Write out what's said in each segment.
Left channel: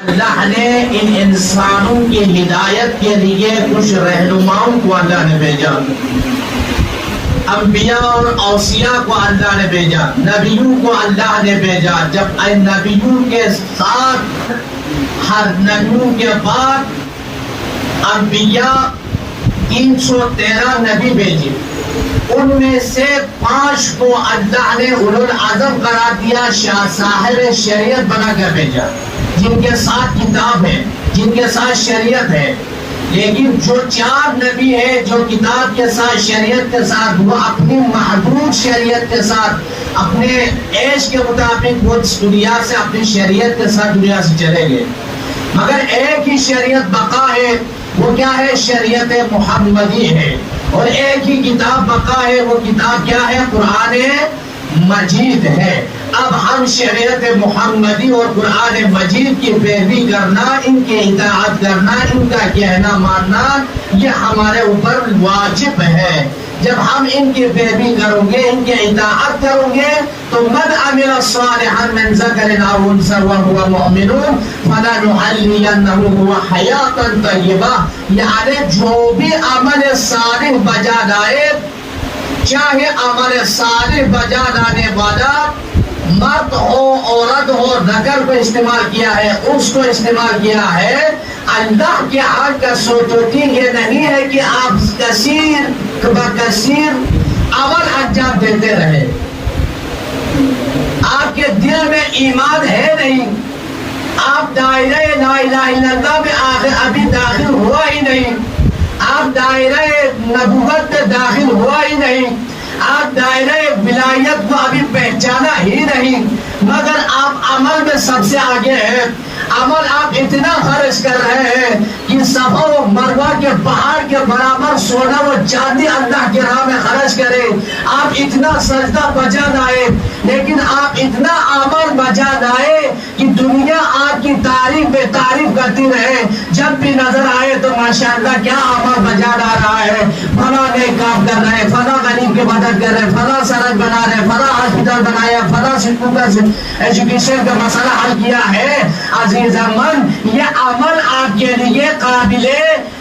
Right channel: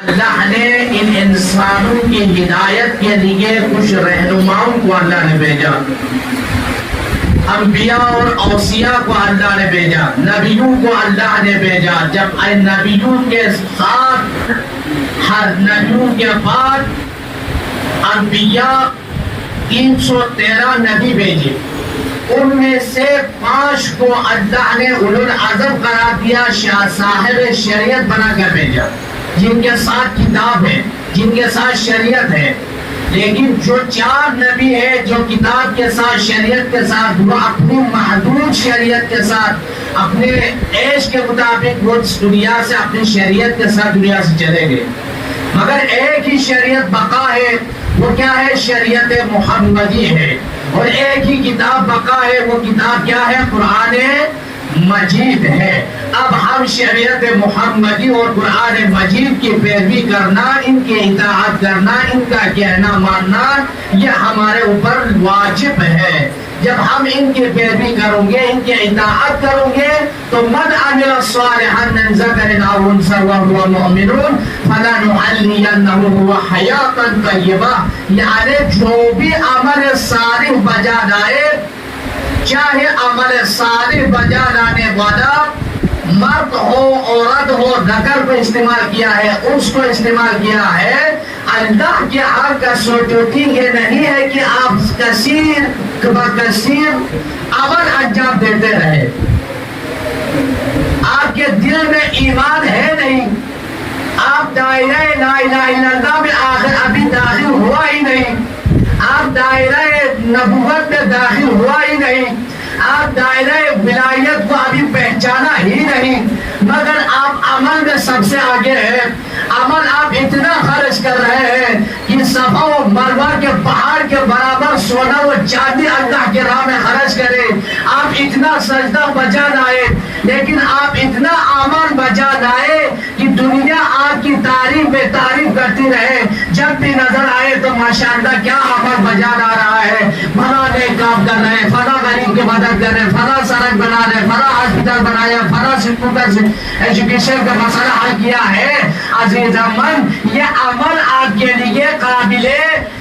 اللہ نے ان انسانوں کی ہدایت کے لیے کچھ رہنماؤں کو اللہ نے بھیجا، انبیاء اور اوصیاء کو اللہ نے بھیجا، نبیوں کو اللہ نے بھیجا۔ جب نبیوں کے ساتھ ہر نبیوں کے بعد انبیاء 313 نبی بھیجے، ان میں سے 5 کو اللہ نے اولو العزم قرار دیا، صاحب شریعت بنا کر بھیجا، جن کے ساتھ کتاب ہے، جن کے ساتھ شریعت ہے۔ لیکن جو 4 نبی ہے جو کتاب کے ساتھ شریعت کے ساتھ، وہ اپنی محدود شریعت کے ساتھ اپنے عیش کے مطابق وہ دنیا سے اپنی شریعت کے ساتھ دنیا سے چلے گئے، مگر ایک ہی شریعت بقا ہے، وہ کیا ہے؟ شریعت محمدی ہے۔ اور ایک ہی کتاب بقا ہے، وہ کتاب کیا ہے؟ قرآن مجید ہے۔ اب ہم شریعت محمدی اور قرآن مجید کی پیروی کرنا، ان کی اطاعت کرنا، ان کا کہنا ماننا، یہ ہمارے اوپر واجب ہے۔ جب ہم ان کی پیروی کریں گے، ان کی اطاعت کریں گے، تو من عمل صالحا من ذکر او انثى وهو مؤمن فلنحيينه حیاتا طیبہ، یعنی جو بھی عمل صالح بجا لائے، چاہے عمل صالح بجا لانے والا مرد ہو عورت ہو، ذکر کو استعمال کیا ہے، اس کو استعمال کیا ہے، اللہ کے ہر کا سوچوتی یہ نہیں ہے کہ آپ کثیر بکثیر عمل انجام دیتے رہے، آپ کے دل میں ایمان ہے نہیں، آپ دائرہ لا الہ الا اللہ میں آخر ابھی داخل ہوا ہی نہیں، آپ دائرہ نبوت میں داخل ہوا ہی نہیں، آپ دائرہ ولایت کو ابھی پہچانا ہی نہیں، مگر آپ عمل میں سب سے آگے ہیں۔ عمل آپ اتنا خرچ کر رہے ہیں کہ صفا و مروہ کے پہاڑ کے برابر سونا و چاندی اللہ کے راہ میں خرچ کریں، آپ اتنا سجدہ بجا لائے، لیکن آپ اتنا عمل بجا لائے کہ دنیا آپ کی تعریف بے تعریف کرتی رہے، جب بھی نظر آئے تو ماشاءاللہ کیا عمل بجا لا رہا ہے، فلاں نیک کام کر رہے ہیں، فلاں غریب کی مدد کر رہے ہیں، فلاں سڑک بنا رہے ہیں، فلاں ہاسپٹل بنایا، فلاں سکول کا ایجوکیشن کا مسئلہ حل کیا ہے۔ عزیزان، یہ عمل آپ کے لیے قابل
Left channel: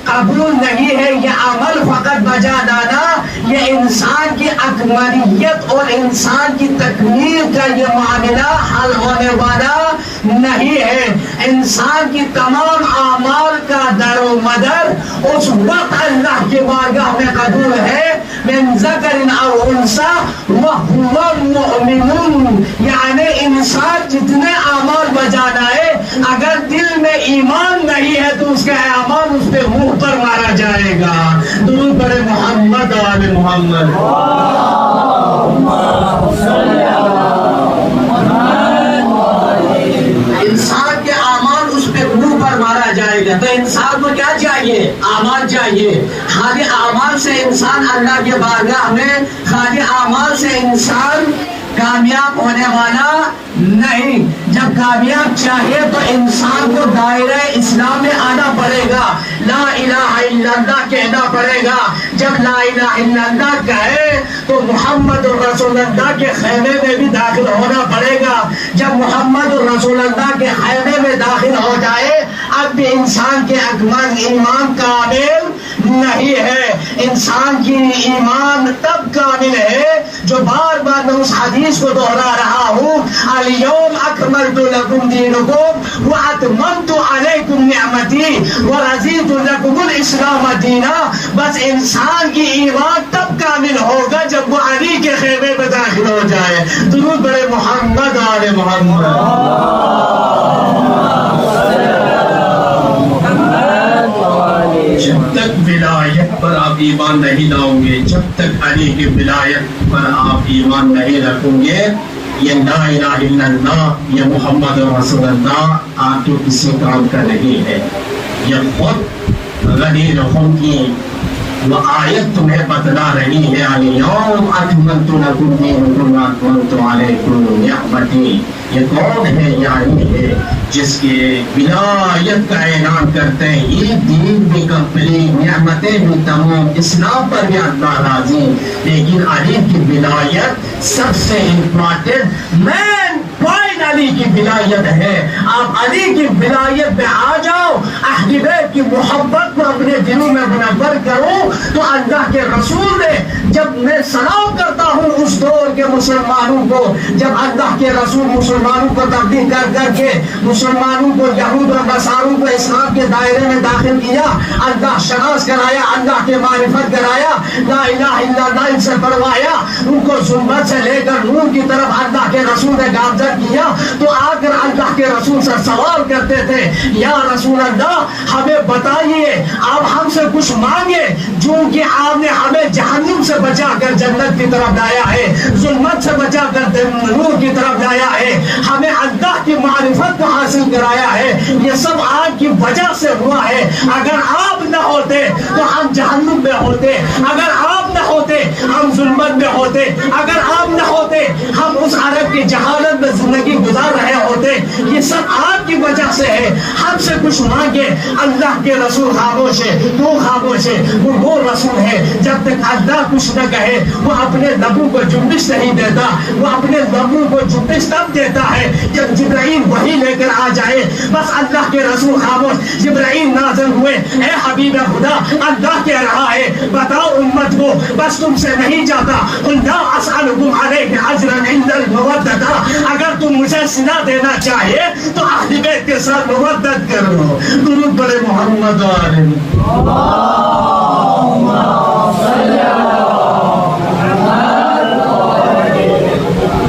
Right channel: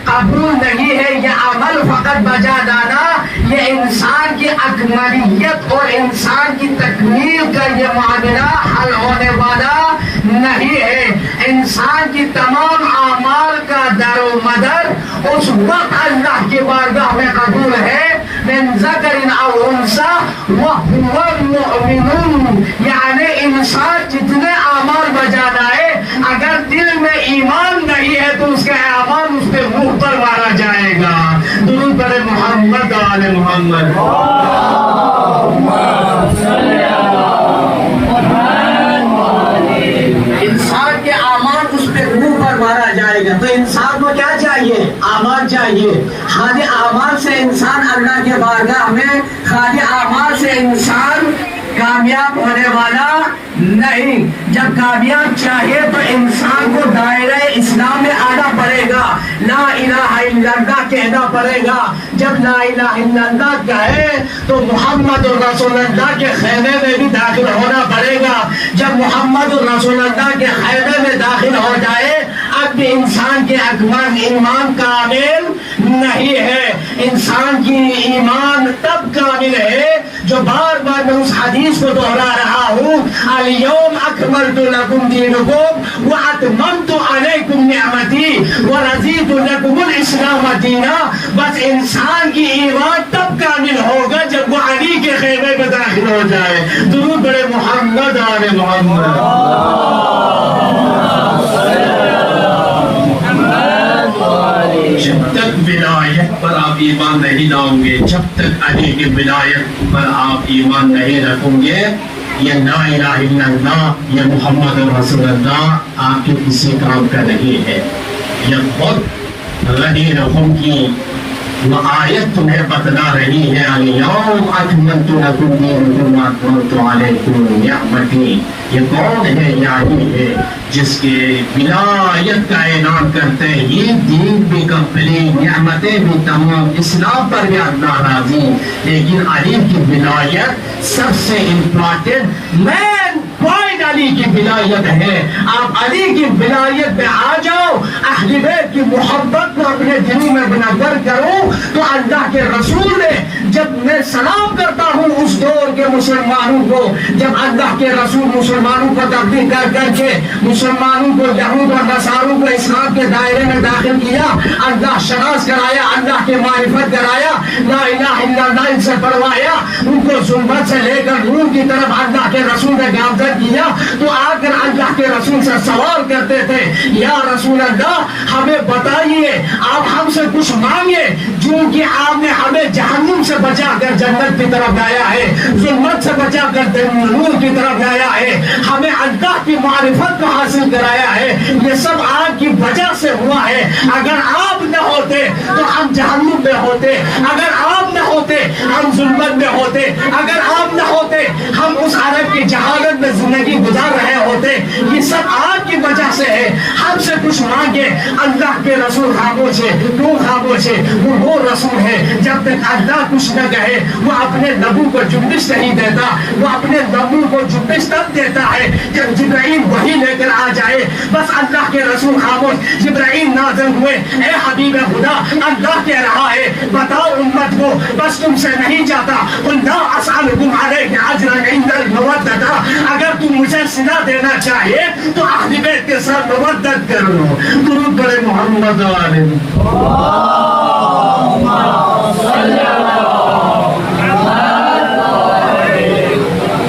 قبول نہیں ہے، یہ عمل فقط بجا لانا، یہ انسان کی اکمالیت اور انسان کی تکمیل کا یہ معاملہ حل ہونے والا نہیں ہے۔ انسان کی تمام اعمال کا در و مدر اس وقت اللہ کی بارگاہ میں قبول ہے، من ذکر او انثى وهو مؤمن، یعنی انسان جتنے اعمال بجا لائے، اگر دل میں ایمان نہیں ہے تو اس کے اعمال اس کے منہ پر مارا جائے گا۔ درود پڑھے محمد و آل محمد۔ انسان کے اعمال اس پہ منہ پر مارا جائے گا، تو انسان کو کیا چاہیے؟ اعمال چاہیے۔ خالی اعمال سے انسان اللہ کے بارگاہ میں، خالی اعمال سے انسان کامیاب ہونے والا نہیں۔ جب کامیاب چاہیے تو انسان کو دائرہ اسلام میں آنا پڑے گا، لا الہ الا اللہ کہنا پڑے گا۔ جب لا الہ الا اللہ کہے تو محمد رسول اللہ کے خیمے میں بھی داخل ہونا پڑے گا۔ جب محمد رسول اللہ کے خیمے میں داخل ہو جائے، اب بھی انسان کے اکمل ایمان کامل نہیں ہے۔ انسان کی ایمان تب کامل ہے جو بار بار میں اس حدیث کو دہرا رہا ہوں، الیوم اکملت لکم دینکم واتممت علیکم نعمتی ورضیت لکم الاسلام دینا۔ بس انسان کی ایمان تب کامل ہوگا جب وہ علی کے خیمے میں داخل ہو جائے۔ درود بڑے محمد و آل محمد۔ جب تک ولایت پر آپ ایمان نہیں لاؤ گے، جب تک علی کی ولایت پر آپ ایمان نہیں رکھو گے، یہ لا الہ الا اللہ، یہ محمد رسول اللہ آپ کے کسی کام کا نہیں ہے۔ یہ خود غدیرہم کی وہ آیت تمہیں بتلا رہی ہے، الیوم اکملت لکم دینکم واتممت علیکم نعمتی۔ یہ کون ہے؟ یعنی ہے جس کے ولایت کا اعلان کرتے ہیں، یہ دین بھی کمپلیٹ، نعمتیں بھی تمام، اسلام پر بھی اللہ راضی، لیکن علی کی ولایت سب سے امپورٹنٹ مین پوائنٹ علی کی ولایت ہے. آپ علی کی ولایت میں آ جاؤ, اہل بیت کی محبت کو اپنے دلوں میں منور کرو. تو اللہ کے رسول نے, جب میں سلام کرتا ہوں اس دور کے مسلمانوں کو, جب اللہ کے رسول مسلمانوں کو تبدیل کر کر کے مسلمانوں کو, یہود اور نصاروں کو اسلام کے دائرے میں داخل کیا, اللہ شناس کرایا, اللہ کے معرفت کرایا, لا الہ الا اللہ ان سے پڑھوایا, ان کو ظلمت سے لے کر نور کی طرف اللہ کے رسول نے گامزن کیا, تو آ کر اللہ کے رسول سے سوال کرتے تھے, یا رسول اللہ ہمیں بتائیے, آپ ہم سے کچھ مانگے, چونکہ آپ نے ہمیں جہنم سے بچا کر جنت کی طرف لایا ہے, ظلمت سے بچا کر نور کی طرف لایا ہے, ہمیں اللہ کی معرفت کو حاصل کرایا ہے, یہ سب آپ کی وجہ سے ہوا ہے. اگر آپ نہ ہوتے تو ہم جہنم میں ہوتے, اگر آپ نہ ہوتے ہم ظلمت میں ہوتے, اگر آپ نہ ہوتے ہم اس عرب کی جہالت میں زندگی گزار رہے ہوتے. یہ سب آپ کی وجہ سے ہے, ہم سے کچھ مانگے. اللہ کے رسول خاموش ہے, تو خاموش ہے. وہ رسول ہے جب تک اللہ کچھ نہ کہے وہ اپنے لبوں کو جنبش نہیں دیتا, وہ اپنے لبوں کو جنبش تب دیتا ہے جب جبرائیل وحی لے کر آ جائے. بس اللہ کے رسول خاموش. جبرائیل نازل ہوئے, اے حبیب خدا اللہ کہہ رہا ہے بتاؤ امت کو, بس تم سے نہیں جاتا, لا اسألکم علیہ اجرا الا المودۃ, اگر تم مجھے صلہ دینا چاہیے تو اہل بیت کے ساتھ مودت کرو. درود پڑھے محمد علیہ.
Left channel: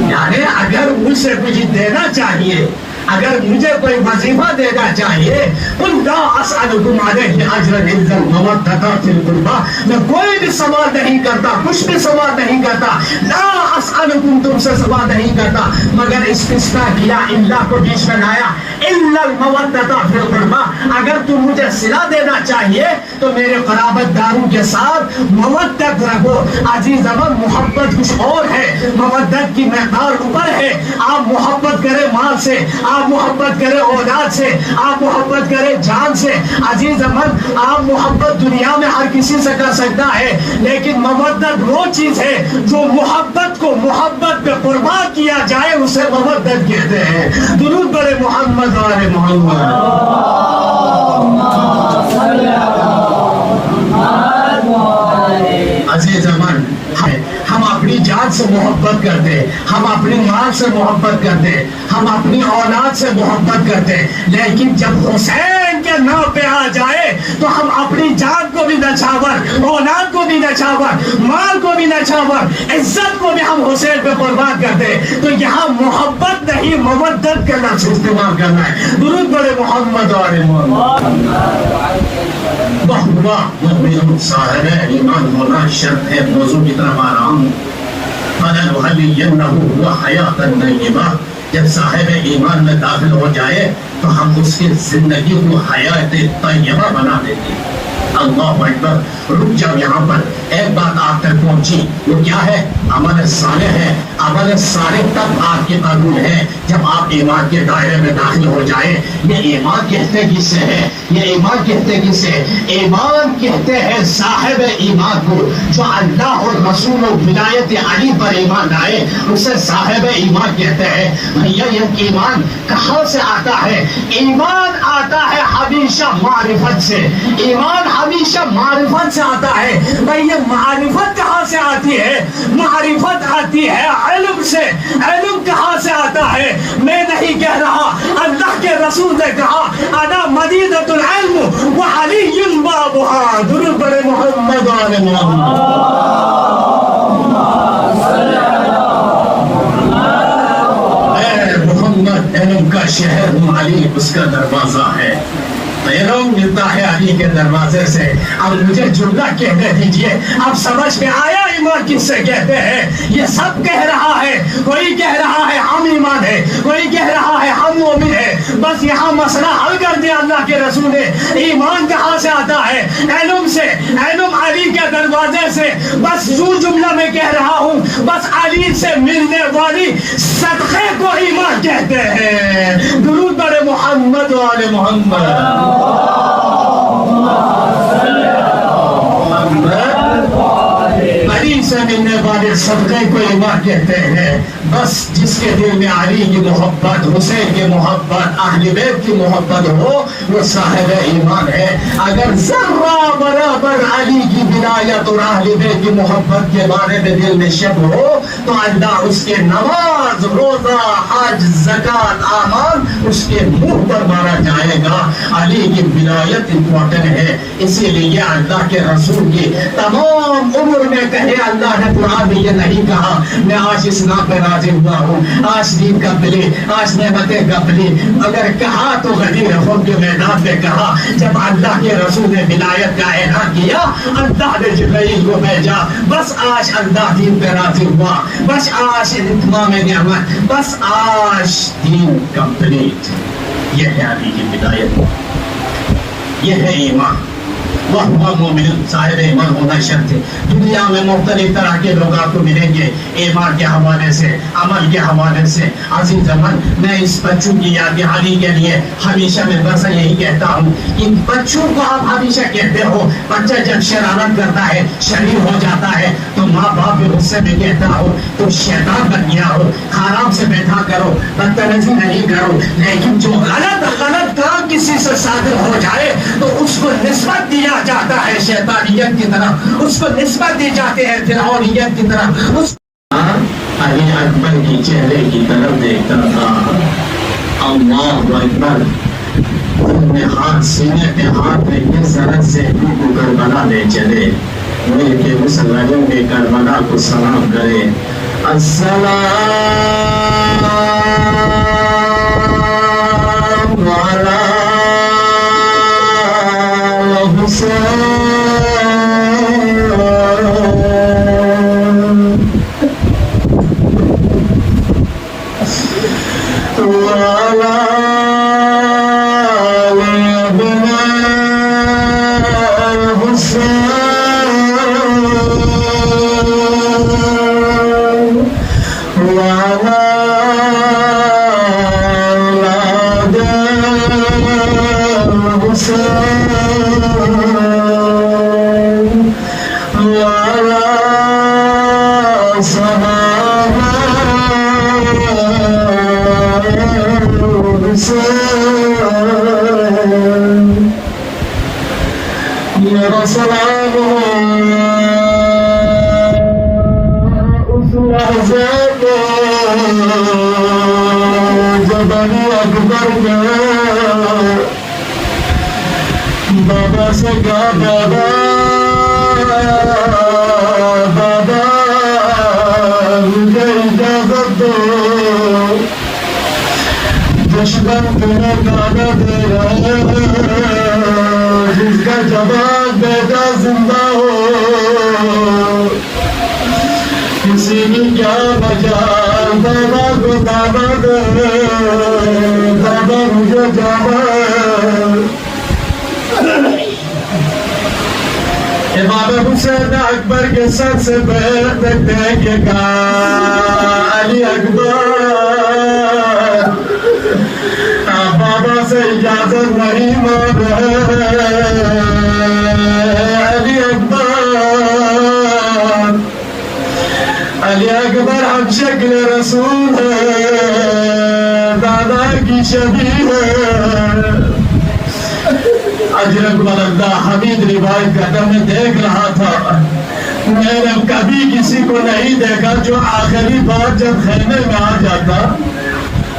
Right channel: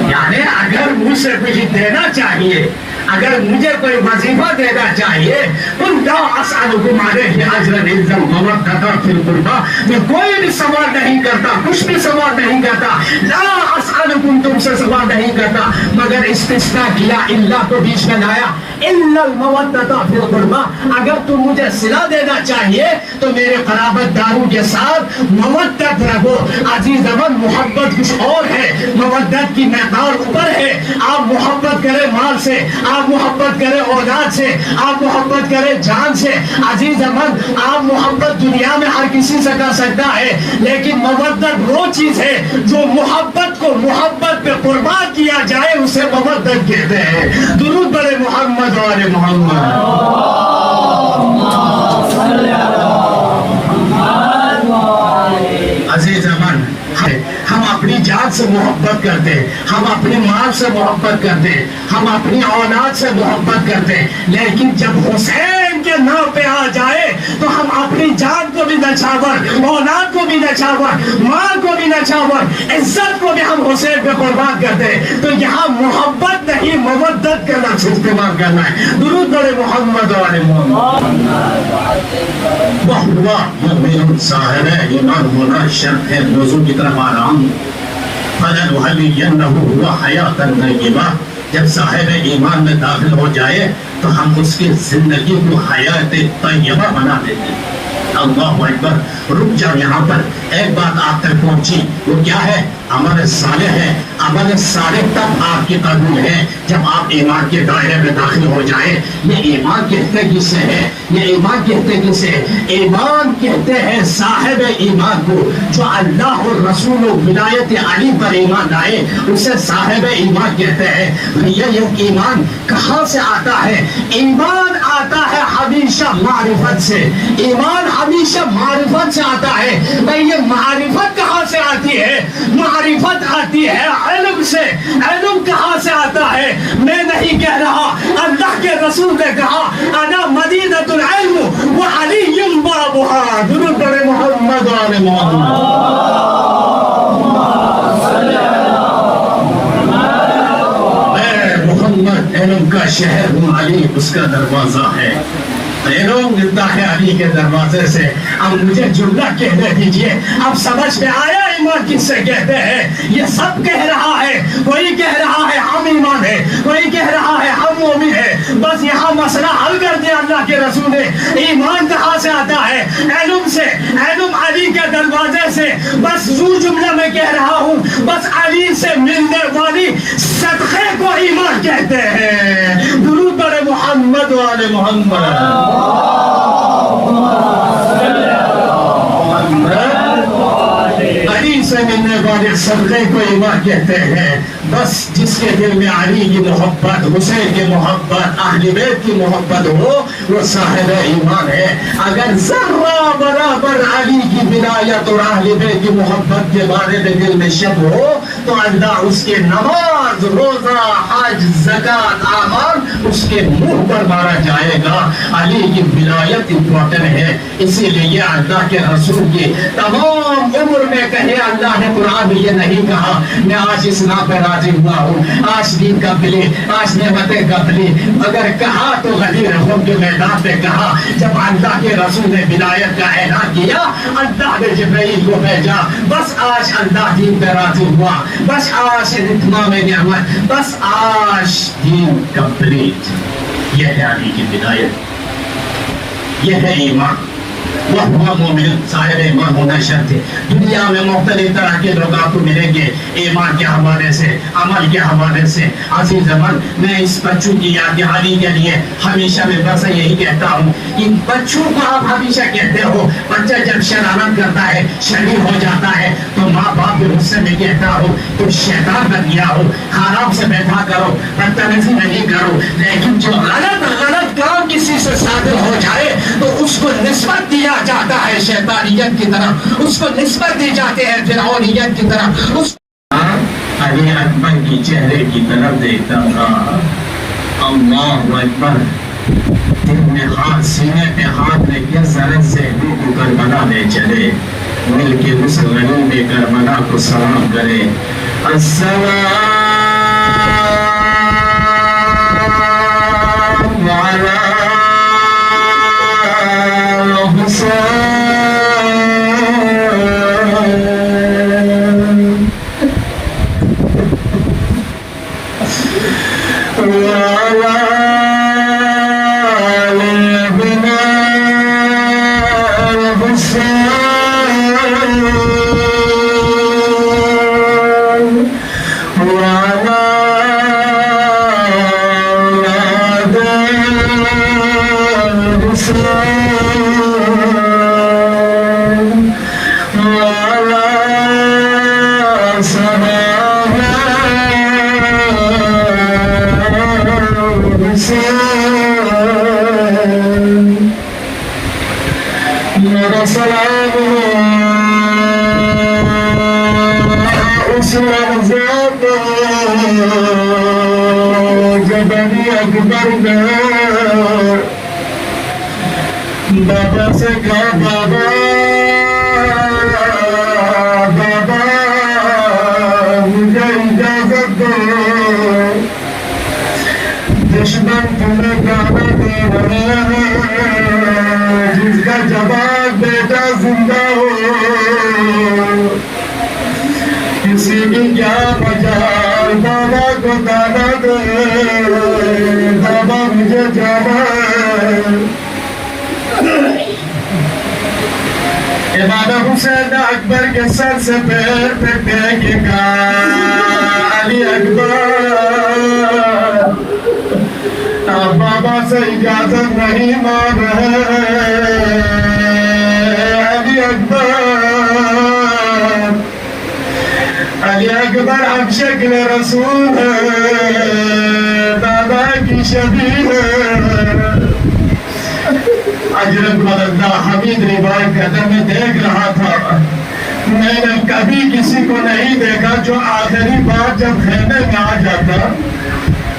یعنی اگر مجھ سے کچھ دینا چاہیے, اگر مجھے کوئی وظیفہ دینا چاہیے, قل لا اسألکم علیہ اجرا الا المودۃ فی القربی, میں کوئی بھی سوال نہیں کرتا, کچھ بھی سوال نہیں کرتا. لا اسألکم, تم سے سوال نہیں کرتا, مگر استثناء کیا, اللہ کو بیچ میں لایا, الا المودۃ فی القربی, اگر تم مجھے صلہ دینا چاہیے تو میرے قرابت داروں کے ساتھ مودت رکھو. عزیز امن, محبت کچھ اور ہے, مودت کی مقدار اوپر ہے. آپ محبت کریں مال سے, آپ محبت کرے اولاد سے, آپ محبت کرے جان سے. عزیز امن, آپ محبت دنیا میں ہر کسی سے کر سکتا ہے, لیکن مودت وہ چیز ہے جو محبت کو محبت پہ قربان کیا جائے اسے مودت کہتے ہیں. درود پڑھے محمد اور محمد. عزیز امن, ہم اپنی جان سے محبت کرتے, ہم اپنی مال سے محبت کرتے, ہم اپنی اولاد سے محبت کرتے, لیکن جب حسین کے نام پہ آ جائے تو ہم اپنی جان کو بھی نچھاور, اولاد کو بھی نچھاور, مال کو بھی نچھاور, عزت کو بھی ہم حسین پہ قربان کرتے. تو یہاں محبت نہیں مودت کا لفظ استعمال کرنا ہے. درود پڑھے محمد اور محمد. بہوا مومن ظاہر ہے, ایمان ہونا شرط ہے. موضوع کی طرف آ رہا ہوں. فَلَنُحَيِّيَنَّهُ حَيَاةً طَيِّبَةً, جب صاحب ایمان میں داخل ہو جائے تو ہم اس کی زندگی کو حیات طیبہ بنا دیتے ہیں. اللہ اکبر. رک جاؤ یہاں پر, ایک بات آپ تک پہنچی, وہ کیا ہے؟ عمل صالح ہے. عمل صالح تب آپ کے قبول ہے جب آپ ایمان کے دائرے میں داخل ہو جائیں. یہ ایمان کہتے کس سے ہے؟ یہ ایمان کہتے کس سے ہے؟ ایمان کہتے ہیں صاحب ایمان کو, جو اللہ اور رسول و ولایت علی پر ایمان لائے, اسے صاحب ایمان کہتے ہیں. بھیا یہ ایمان کہاں سے آتا ہے؟ ایمان آتا ہے ہمیشہ معرفت سے, ایمان ہمیشہ معرفت سے آتا ہے. بھائی یہ معرفت کہاں سے آتی ہے؟ معرفت آتی ہے علم سے. علم کہاں سے آتا ہے؟ میں نہیں کہہ رہا, اللہ کے رسول نے کہا انا مدینۃ العلم وعلی بابها. درود پڑھے محمد آل محمد. محمد علم کا شہر ہوں, علی اس کا دروازہ ہے. علم ملتا ہے علی کے دروازے سے. اب مجھے جملہ کہنے دیجئے, اب سمجھ میں آیا ایمان کس سے کہتے ہیں. یہ سب کہہ رہا ہے, کوئی کہہ رہا ہے ہم ایمان ہے, کوئی کہہ رہا ہے ہم مومن ہے. بس یہاں مسئلہ حل کر دیا اللہ کے رسول نے. ایمان کہاں سے آتا ہے؟ علم سے. علم علی کے دروازے سے. بس جو جملہ میں کہہ رہا ہوں, بس علی سے ملنے والی صدقے کو ایمان کہتے ہیں. درود پڑھے محمد و آل محمد. علی سے ملنے والے صدقے کو ایمان کہتے ہیں. بس جس کے دل میں علی کی محبت، حسین کی محبت، اہل بیت کی محبت ہو وہ صاحب ایمان ہے. اگر ذرہ برابر علی کی ولایت اور اہل بیت کی محبت کے بارے میں دل میں شک ہو تو اللہ اس کے نماز، روزہ، حج، زکات، اعمال اس کے منہ پر مارا جائے گا. علی کی ولایت امپورٹنٹ ہے. اسی لیے اللہ کے رسول کی تمام عمر میں کہے اللہ نے قرآن میں یہ نہیں کہا میں آج اسلام پہ راضی ہوا ہوں، آج دین کا ملی، آج نعمتیں کا ملی. اگر کہا تو غدیر خون کے میدان پہ کہا. جب اللہ کے رسول نے ولایت کا اعلان کیا اللہ نے جبرائیل کو بھیجا. بس آج اللہ دین پہ راضی ہوا، بس آج اتمام نعمت، بس آج دین کمپلیٹ. یہ ہے علی کی ولایت، یہ ہے ایمان. وہ مومن صاحب ایمان ہونا شرط ہے. دنیا میں مختلف طرح کے لوگ آپ کو ملیں گے ایمان کے حوالے سے، عمل کے حوالے سے. عزیز عمل، میں اس بچوں کی یاد دہانی کے لیے ہمیشہ میں بس یہی کہتا ہوں کہ بچوں کو آپ ہمیشہ کہتے ہو بچہ جب شرارت کرتا ہے، شریر ہو جاتا ہے تو ماں باپ بھی غصے میں کہتا ہو تو شیطان بن گیا ہو، آرام سے بیٹھا کرو، بدتمیزی نہیں کرو. لیکن جو غلط کام کسی سے صادر ہو جائے تو اس کو نسبت دیا جاتا ہے شیطانیت کی طرف، اس کو نسبت دی جاتے ہیں فرعونیت کی طرف. علی اکبر کی چہرے کی طرف دیکھتا تھا. اللہ اکبر. دل میں ہاتھ، سینے پہ ہاتھ لے کے ذرا سے کو کربلا لے چلے، مل کے اس غریب میں کربلا کو سلام کرے. السلام علی میرا سلام اس لحظے پہ جب علی اکبر نے بابا سے کہا بابا بابا مجھے اجازت دو، دشمن تمہیں گانا دے رہے ہیں جس کا جواب بیٹا زندہ ہو، کسی کی کیا مجال، بابا کو دادا دے، بابا مجھے جانا ہے. امام حسین اکبر کے سر سے پیر تک ٹیک کے کہا علی اکبر آپ بابا سے اجازت نہیں مان رہے. علی اکبر علی اکبر اب شکل رسول ہے، دادا کی شبیہ ہے. اجرک ملدہ حمید روایت کرتا میں دیکھ رہا تھا، میں نے کبھی کسی کو نہیں دیکھا جو آخری بار جب خیمے میں آ جاتا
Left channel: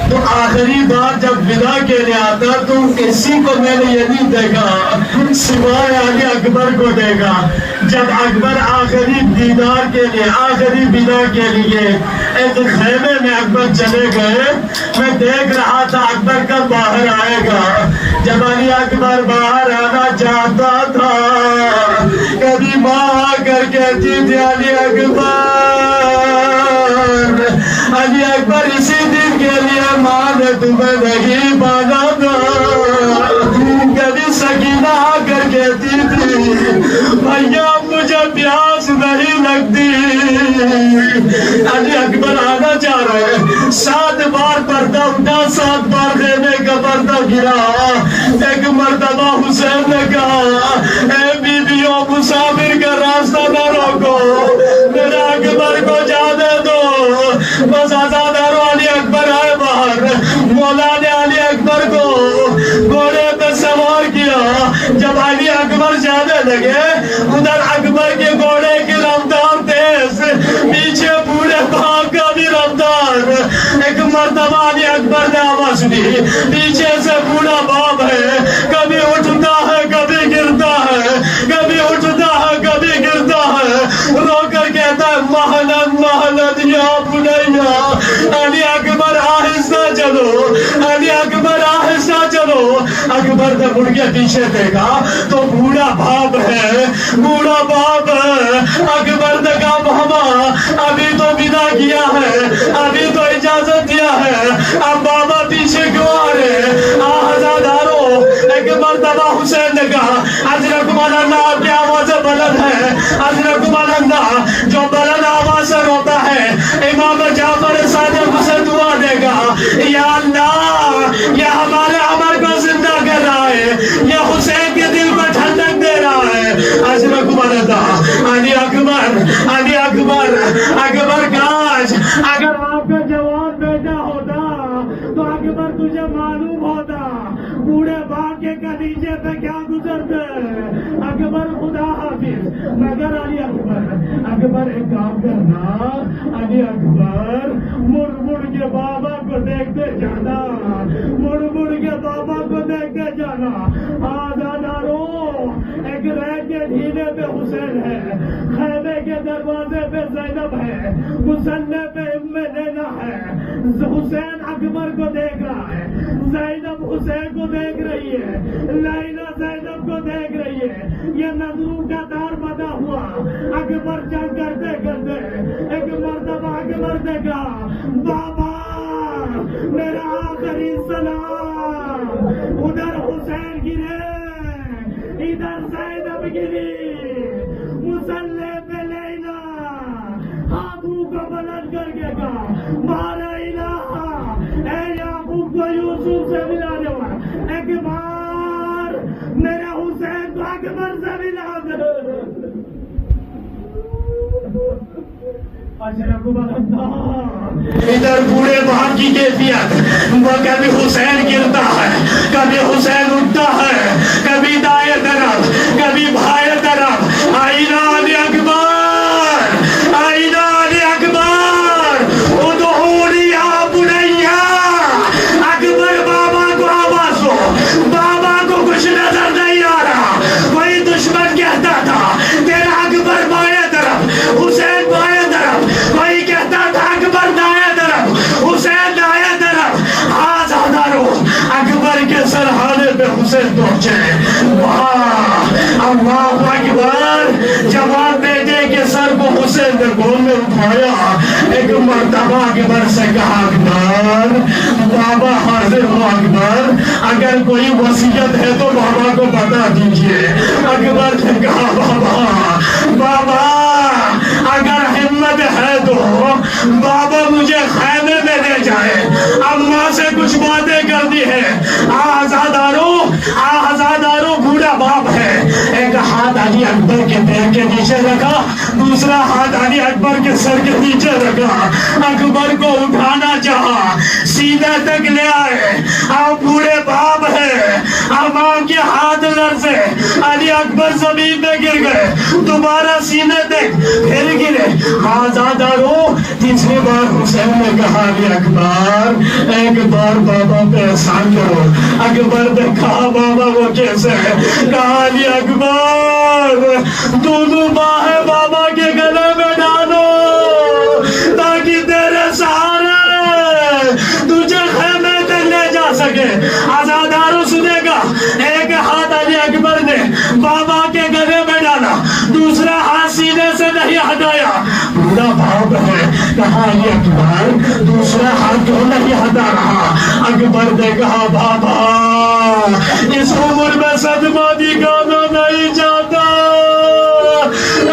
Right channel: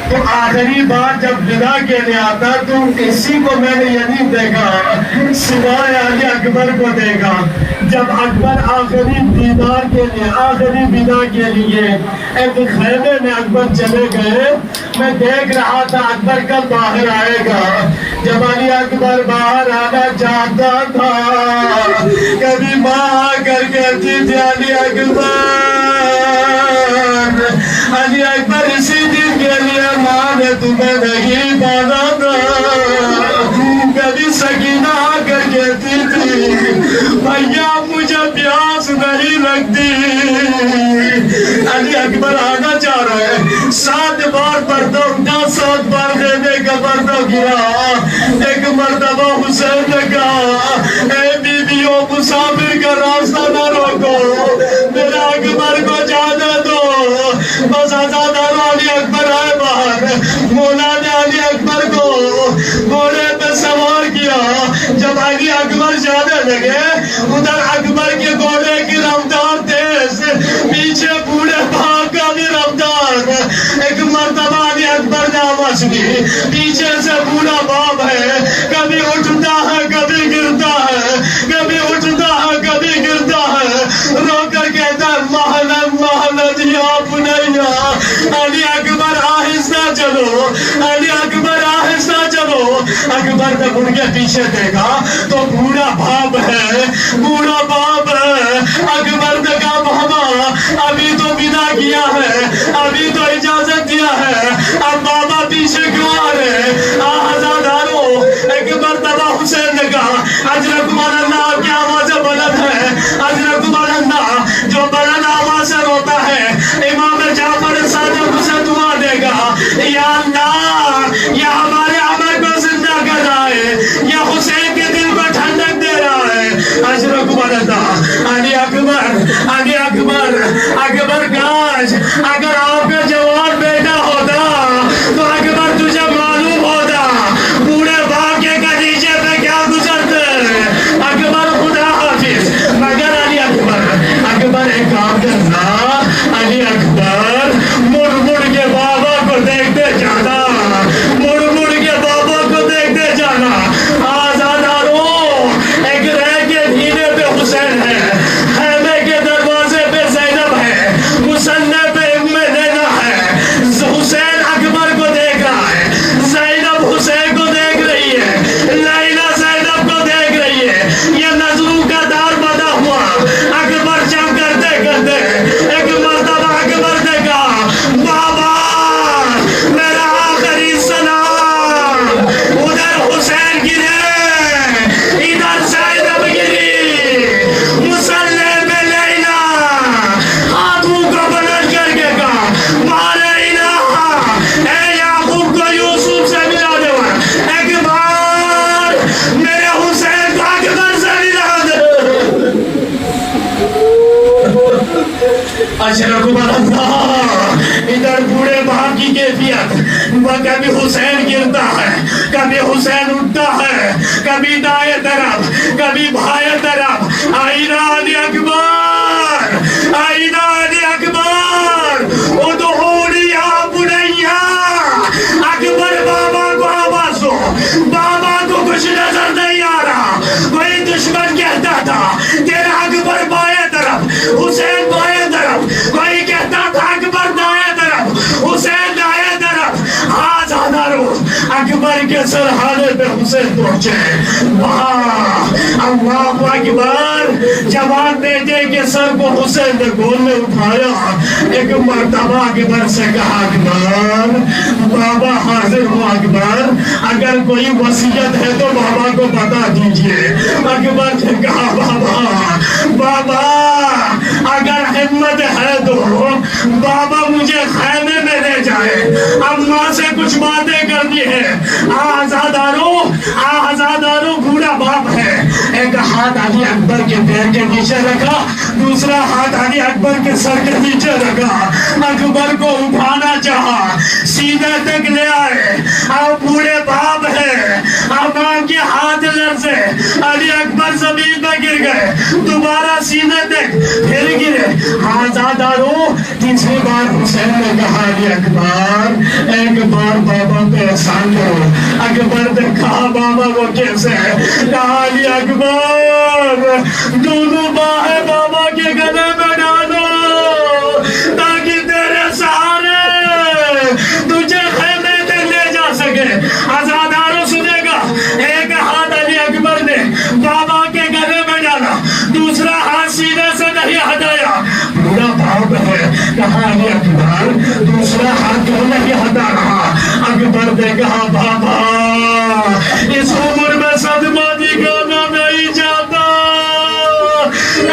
تو آخری بار جب ودا کے لیے آتا تو کسی کو میں نے یہ نہیں دیکھا سوائے علی اکبر کو دیکھا. جب اکبر آخری دیدار کے لیے، آخری ودا کے لیے ایک خیمے میں اکبر چلے گئے، میں دیکھ رہا تھا اکبر کب باہر آئے گا. جب علی اکبر باہر آنا چاہتا تھا کبھی ماں آ کر کہتی تھی علی اکبر اسی دن کے لیے ماں نے تمہیں نہیں باندھا تھا. کبھی سکینہ آ کر کہتی تھی بھیا مجھے پیاس نہیں لگتی. علی اکبر آنا چاہ رہے ہیں، 7 بار پردہ اٹھا، 7 بار خیمے کا پردہ گرا. ایک مرتبہ حسین نے کہا اے بیویوں مسافر کا راستہ نہ روکو، میرا لگے ادھر اکبر کے گھوڑے کی رفتار تیز، پیچھے بوڑھے باپ کا بھی رفتار۔ ایک مرتبہ بھی اکبر نے آواز سنی، پیچھے سے بوڑھا باپ ہے، کبھی اٹھتا ہے کبھی گرتا ہے، کبھی اٹھتا ہے کبھی گرتا ہے، رو کر کہتا ہے محلت محلت یا بنیا، علی اکبر آہستہ چلو، علی اکبر آہستہ چلو۔ اکبر نے مڑ کے پیچھے دیکھا تو بوڑھا باپ ہے، بوڑھا باپ ہے۔ اکبر نے کہا بابا ابھی تو ودا کیا ہے، ابھی تو اجازت دیا ہے، اب بابا پیچھے کیوں آ رہے؟ آزادارو، ایک مرتبہ حسین نے کہا اجرکم اللہ، آپ کی آواز بلند ہے، اجرکم اللہ، جو بلند آواز سے روتا ہے امام جعفر صادق اسے دعا دے گا، یا اللہ یہ ہمارے عمر کو زندہ کر رہا ہے، یہ حسین کے دل کو ٹھنڈک دے رہا ہے۔ اجرکم اللہ، علی اکبر، علی اکبر، اکبر کاش اگر آپ کا جوان بیٹا ہوتا تو اکبر تجھے معلوم ہوتا بوڑھے باپ کے کلیجے پہ کیا گزرتے۔ اکبر خدا حافظ، مگر علی اکبر، اکبر ایک کام کرنا، علی اکبر مڑ مڑ کے بابا کو دیکھتے جانا، مڑ مڑ کے بابا کو دیکھتے جانا۔ آزادارو، ایک رہ کے دھینے پہ حسین ہے، خیمے کے دروازے پہ زینب ہے، مسلح پہ ام لینا ہے۔ حسین اکبر کو دیکھ رہا ہے، زینب حسین کو دیکھ رہی ہے، لیلا زینب کو دیکھ رہی ہے، یہ نظروں کا دار بنا ہوا۔ اکبر جب کرتے کرتے ایک مرتبہ اکبر نے کہا بابا میرا آخری سلام۔ ادھر حسین گرے، ادھر زینب گری، مسلح میں لیلا ہاتھوں کو بلند کر کے کہا مالا الہ، اے یعقوب کو یوسف سے ملا دے، ایک بار میرے حسین کو اکبر سے ملا دے۔ اشرکم اللہ، ادھر بوڑھے باپ کی کیفیت، وہ کبھی حسین گرتا ہے، کبھی حسین اٹھتا ہے، کبھی دائیں طرف کبھی بھائیں طرف۔ آئینہ علی اکبر، آئینہ علی اکبر، ادعونی یا بنیا۔ اکبر بابا کو آواز دو، بابا کو کچھ نظر نہیں آ رہا۔ کوئی دشمن کہتا تھا تیرا اکبر بائیں طرف، حسین بائیں طرف، کوئی کہتا تھا اکبر دائیں طرف، حسین دائیں طرف۔ آزادارو، اکبر کے سرحانے پہ حسین پہنچے، واہ اللہ اکبر۔ جوان بیٹے کے سر کو حسین نے گود میں اٹھایا، ایک مرتبہ اکبر سے کہا اکبر بابا حاضر ہو، اکبر اگر کوئی وصیت ہے تو بابا کو بتا دیجئے۔ اکبر نے کہا بابا، بابا اگر ہمت ہے تو بابا مجھے خیمے میں لے جائے، اماں سے کچھ باتیں کرنی ہے۔ آزادارو، آزادارو، بوڑھا باپ ہے، ایک ہاتھ علی اکبر کے پیر کے نیچے رکھا، دوسرا ہاتھ علی اکبر کے سر کے نیچے رکھا، اکبر کو اٹھانا چاہا، سینے تک لے آئے۔ اب بوڑھے باپ ہے، امام کے ہاتھ لرزے، علی اکبر زمین میں گر گئے، دوبارہ سینے تک پھر گرے۔ آزادارو، تیسری بار حسین نے کہا علی اکبر ایک بار بابا پہ احسان کرو۔ اکبر نے کہا بابا وہ کیسے ہے؟ کہا علی اکبر دونوں باہیں بابا کے گلے میں ڈالو تاکہ تیرے سہارے تجھے خیمے تک لے جا سکے۔ آزادارو سنے گا، ایک ہاتھ علی اکبر نے بابا کے گلے میں ڈالا، دوسرا ہاتھ سینے سے نہیں ہٹایا۔ بوڑھا باپ ہے، کہا علی اکبر دوسرا ہاتھ کیوں نہیں ہٹا رہا؟ اکبر نے کہا بابا اس عمر میں صدمہ دکھانا نہیں چاہتا۔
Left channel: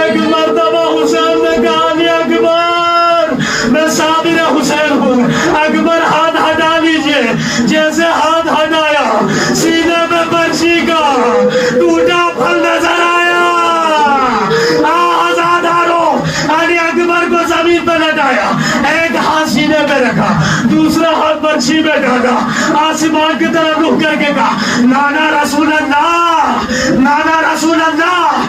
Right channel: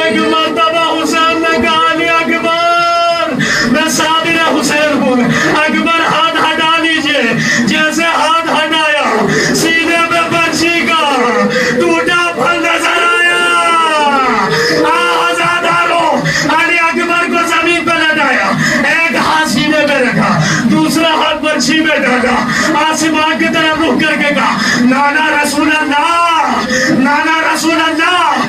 ایک مرتبہ حسین نے کہا علی اکبر میں صابر حسین ہوں، اکبر ہاتھ ہٹا لیجئے۔ جیسے ہاتھ ہٹایا، سینے میں برچی کا ٹوٹا پھل نظر آیا۔ آزادارو، علی اکبر کو زمین پہ لٹایا، ایک ہاتھ سینے پہ رکھا، دوسرا ہاتھ برچی میں ڈالا، آسمان کی طرف رخ کر کے کہا نانا رسول اللہ، نانا رسول اللہ،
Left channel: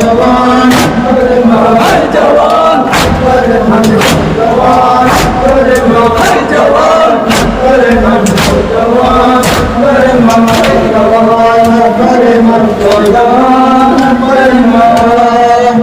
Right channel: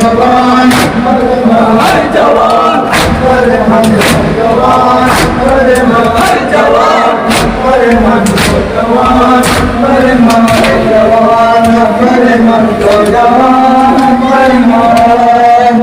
جوان